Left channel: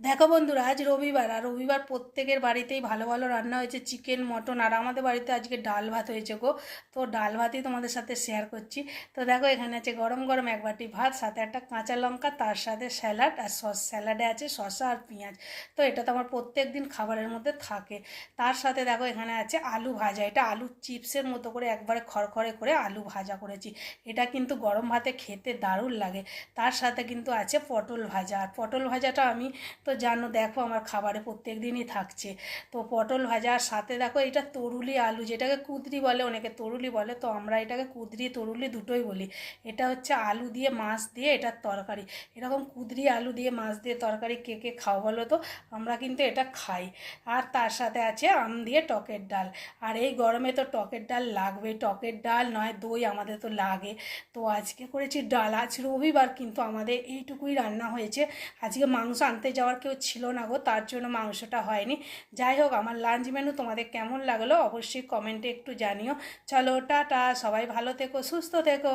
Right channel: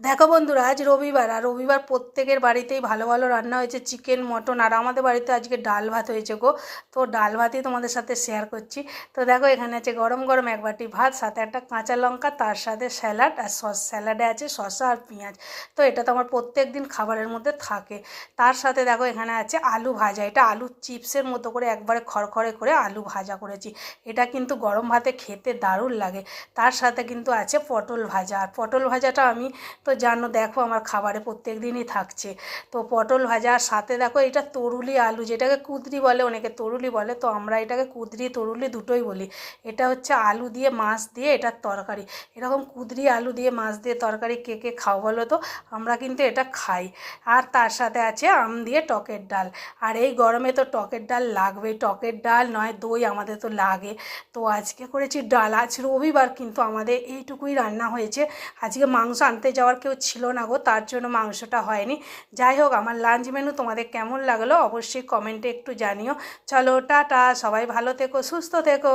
দেখো বন্ধুরা, আজ রবিবার, আর রবিবার প্রত্যেকের বাড়িতেই ভালো ভালো রান্না হয়েছে চিকেন মটন আর আমাদের বাড়িতে আজকে ডাল ভাত হয়েছে গো। তো ডাল ভাতই তোমাদের সাথে শেয়ার করছি। তো দেখো, এখানে আছে গরম গরম এক বাটি ভাত, সাথে একটা কাঁচা লঙ্কা, তার সাথে স্যালাড আর সস স্যালাডে আছে শসা আর পেঁয়াজ। তো এটা তো আমার প্রত্যেক দিন খাবারের মধ্যে থাকে। তার সাথে দেখো, এখানে আছে আলু ভাজা। এটা আলু চিপসের মতো করে একবারে খড়খড়ে করে আলু ভাজা করেছি। এটা কিন্তু গরম ভাতে খেতে দারুণ লাগে। তার সাথে কিন্তু আছে পটল ভাজা। আর পটল ভাজাটা আমি তো জানো দেখো আমার খাবারে প্রত্যেক দিনই থাকছে। তো পটল ভাজা আর সাথে দেখো এটা তরুলি আলু যেটাকে কুদরি বলে, অনেকে তরুলি বলে, তো আমরা এটাকে কুদরি, তরুলি দুটোই বলি। এটা হচ্ছে আলু দিয়ে মাছ দিয়ে এটার তরকারি। এরকম কুদরি আলু দিয়ে মাছ দিয়ে তরকারি কে কে খাও বলো তো? আমরা কিন্তু এটা খাই। আর তার সাথে আছে আম দিয়ে টকের ডাল। আর এই গরমে তো টকের ডাল লাগবে টকের ডাল নয়, দই আমাদের তো লাগে। তো আজকে করেছি ডাল। আজ রবিবার কিন্তু আমাদের এইটুকুই রান্না হয়েছে। আজকে মাংস আনতে যাওয়ার কেউ ছিল না গো, তার জন্য মাংসটা হয়নি। যাই হোক, আমার লাঞ্চ মেনু তোমাদের কেমন লাগল অবশ্যই কমেন্টে একটু জানিও। চলো, টাটা, সবাই ভালো থেকো, সুস্থ থেকো।